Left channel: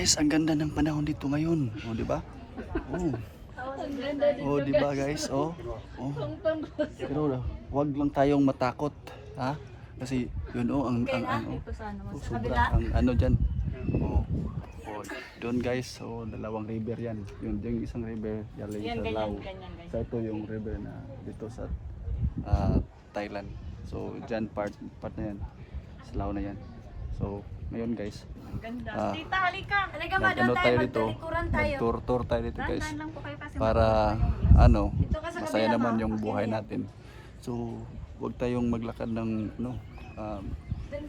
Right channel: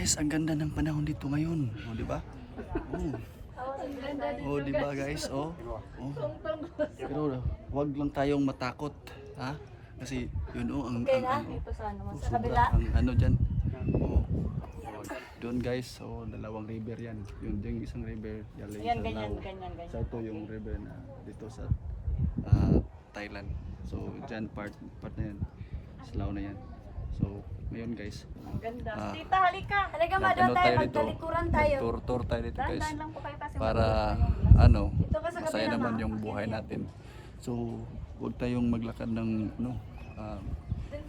Guys, ang ganda ng panahon dito ngayon. O, di ba? Oh. Oh, di ba guys? Oh. Oh. Pero wag lang tayong matakot, ha? Kasi yun sobra ang ano diyan. Oh. Oh, doon guys. So, dalawang river 'yan. Yung isang river galing sa Lao. Sa ito yung river na dito sa Thailand. So, diyan part na 'yan. Sa Lao na 'yan. So, ngayon guys, Tita, halika. Halika ba doon tayo dito? Nag-tour tayo dito guys. Para masaya naman yung buhay natin. So, wag tayong maglakad ng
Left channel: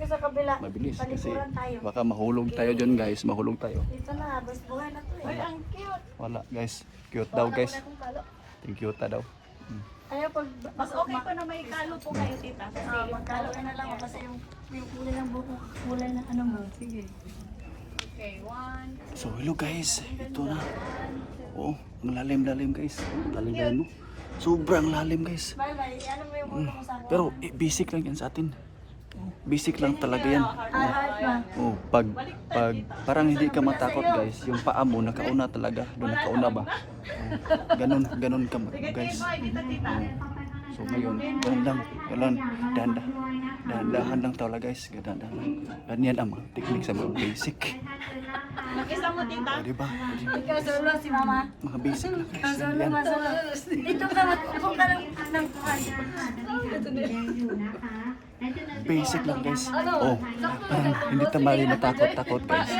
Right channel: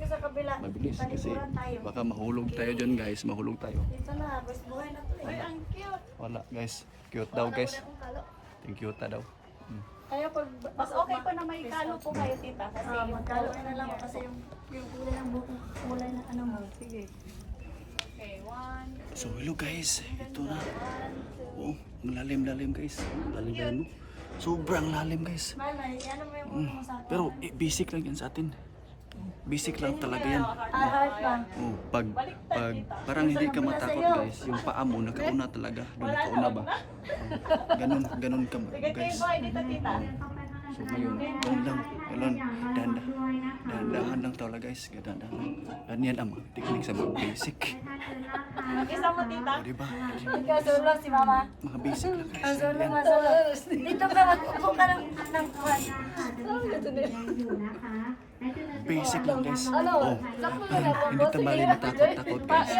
Sa kabila. mabilis kasi baka mahulog tayo dyan guys. Mahulog tayo. Dito na, bas buhay na to. Ay, ang cute. Wala guys. Cute daw guys. Thank you daw. Kaya pag mas okay pa na may kalo po kayo, tita. Kasi yung kalo na lang kasi yung kulay ng buko, kulay ng ano mo. Sige. Okay, one. So hello guys. Ito na. Oh, ang lalim guys. Lalim no? Sobrang lalim guys. Pero basic lang yan sa atin. Basic lang talaga yan. Oh, pag parang hindi ka matakot guys, yung paa mo nakauna talaga, doon nakauna ba? Oh, ganun ka guys. Oh. So ngayon, ganun dahan-dahan lang talaga guys, dahan-dahan lang. Ganyan ang mga technique sa mga basic. Mag-isa mo, tita. O diba? Kasulong si mama. Mga basic lang guys. Yan. Dito ka magpupong ka ng kuhay. Basic lang guys. Oh, parang hindi tayo matakot guys.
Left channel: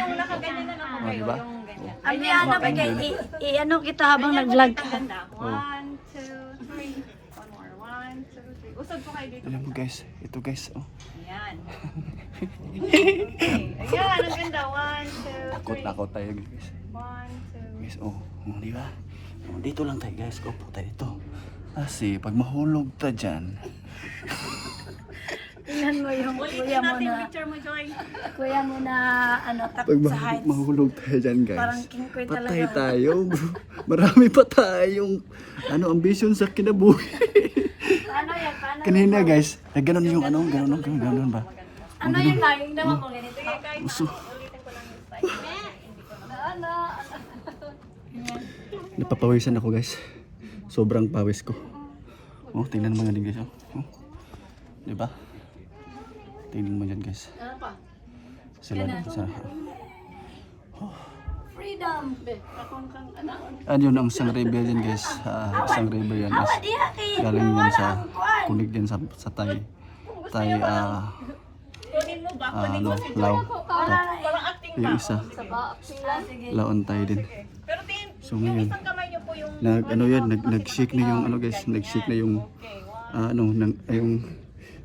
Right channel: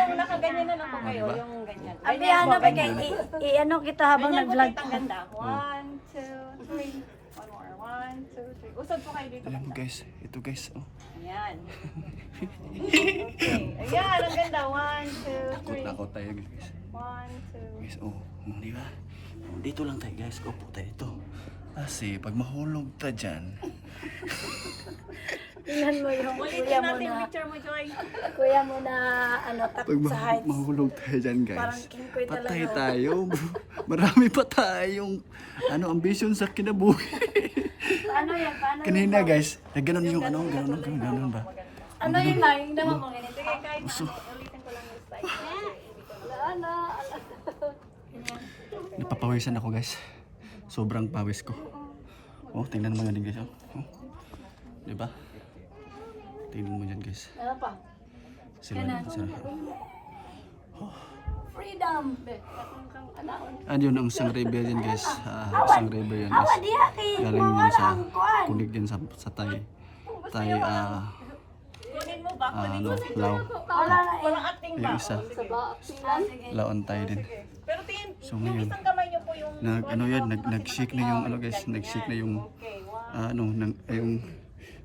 Oh, diba? Oh. Hindi, ano ba kayo? I-ano kita habang nag-vlog. Oh. 1, 2, 3. One more. 1, 2, 3. Usad po kayo dito. Alam mo guys, ito guys. Oh. Ayan. Ayan, ang ganda. 1, 2, 3. Takot tayo guys. 1, 2. Guys, oh, di ba? Oh, dito lang tayo guys. Upo tayo dito. Kasi pag mahulog ta dyan. Yan mo yung kuya mo na. Kuya mo na Pag takot sa heights. mahulog tayo dyan guys. Parang king queen Patay talaga. tayo. Marami pa tayong ambisyon sa kinabuhi. Ano yan? Paano? Kanina guys, ganun yung ganun ba? Ano yun lang? Yung dama mo ganito. Uso. Napapawisan ako guys. Sobrang pawis ko. Oh, tingnan mo yan guys. Oh. Diba? Tingnan mo yan guys. Ano pa? Sila sa Freedom. Pakong kang ano? yun ang isang river yan guys. Isang river yan guys. Galing yan sa kunig yan sa Thai. Kunin mo ba? Lao. Parang acting Yung isa. Laon tayo din. Pero tin, So ngayon, kamay niyo po yung nag-shake na yung guys, nag-shake na yung yung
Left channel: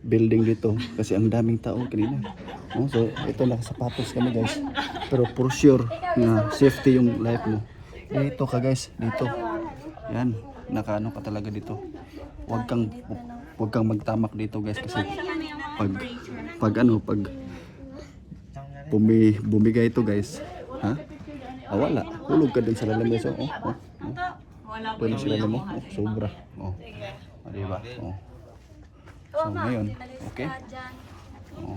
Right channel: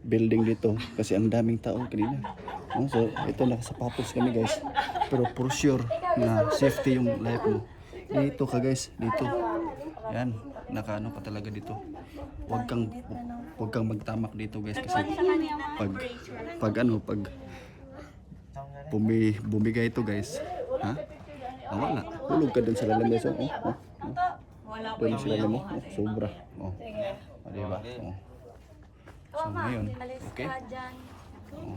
building dito kasi ang daming tao kanina. Oh, so ito nakasapatos kami guys. Pero for sure na safety yung life mo. Dito ka guys, dito. Yan, nakaano ka talaga dito. Huwag kang magtamak dito guys kasi pag bumigay ito guys, ha? Wala. Hulog ka dun sa lalim guys. Doon sila mo. Sobra. Oh. Diba? Oh. So ngayon, okay? Oh.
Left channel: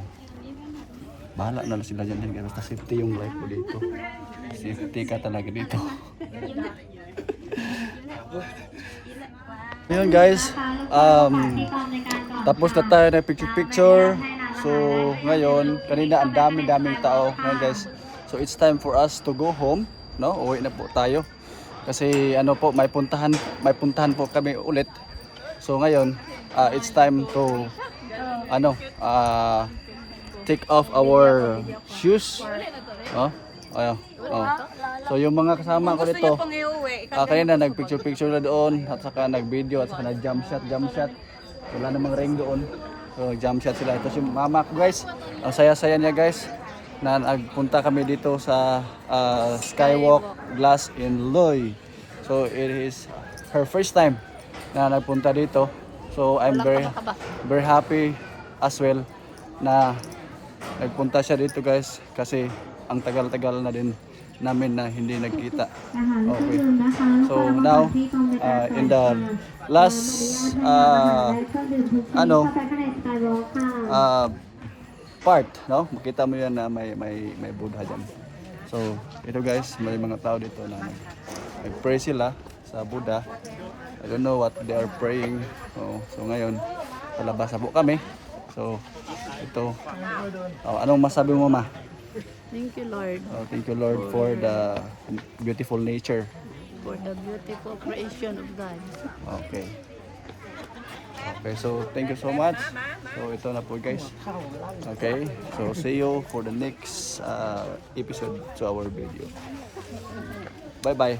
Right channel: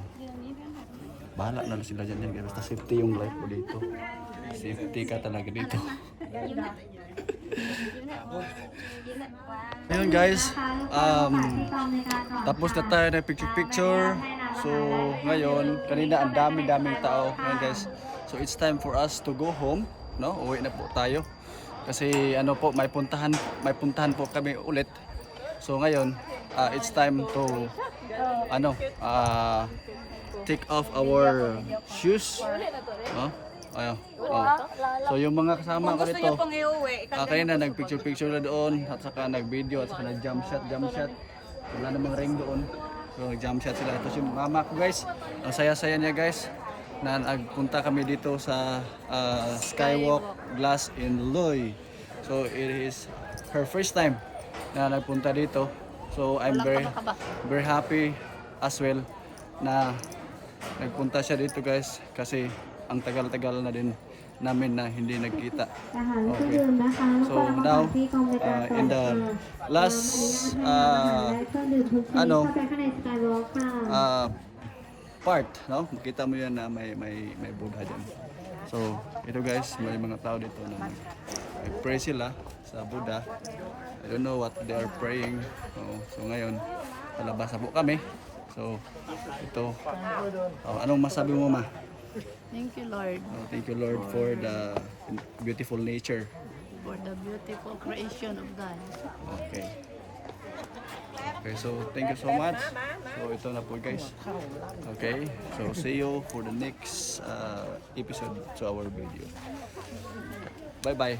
Bahala na lang sila dyan. Basta safety yung life mo dito. Safety ka talaga dito. Ngayon guys, tapos na tayo na picture. So ngayon, kanina ang daming tao. Ngayon guys, so it's time for us to go home, no? Uwi na po tayo. Kasi may puntahan po kami ulit. So ngayon, it's time to take off our shoes, no? So yung mga kasama ko dito, kanina nagpicture na doon at saka nag-video at saka nag-jump shot. Wala namang ring doon. So jump shot sila. Ito si mama ko guys. Ang saya-saya niya guys na nagpunta kami dito sa Skywalk Glass in Loy. So it is her first time na nagpunta dito. So I'm very happy as well na nagpunta siya dito guys kasi ang tagal-tagal na din namin na hindi nagkita. Okay. So now in the last part, no? Makita mo yan na may Buddha diyan. So, ito guys, may mga tao dito na nag-pray sila sa Buddha. I don't know what they are praying. So ngayon, palabas na po kami. So, ito. Anong masabi mo, ma? Thank you, Lord, Thank you, Lord, for the beautiful nature. for the beautiful creation of God. Okay. Okay, so thank you so much. So ito na po guys. Okay, so see you for the next episode to our video. Bye bye.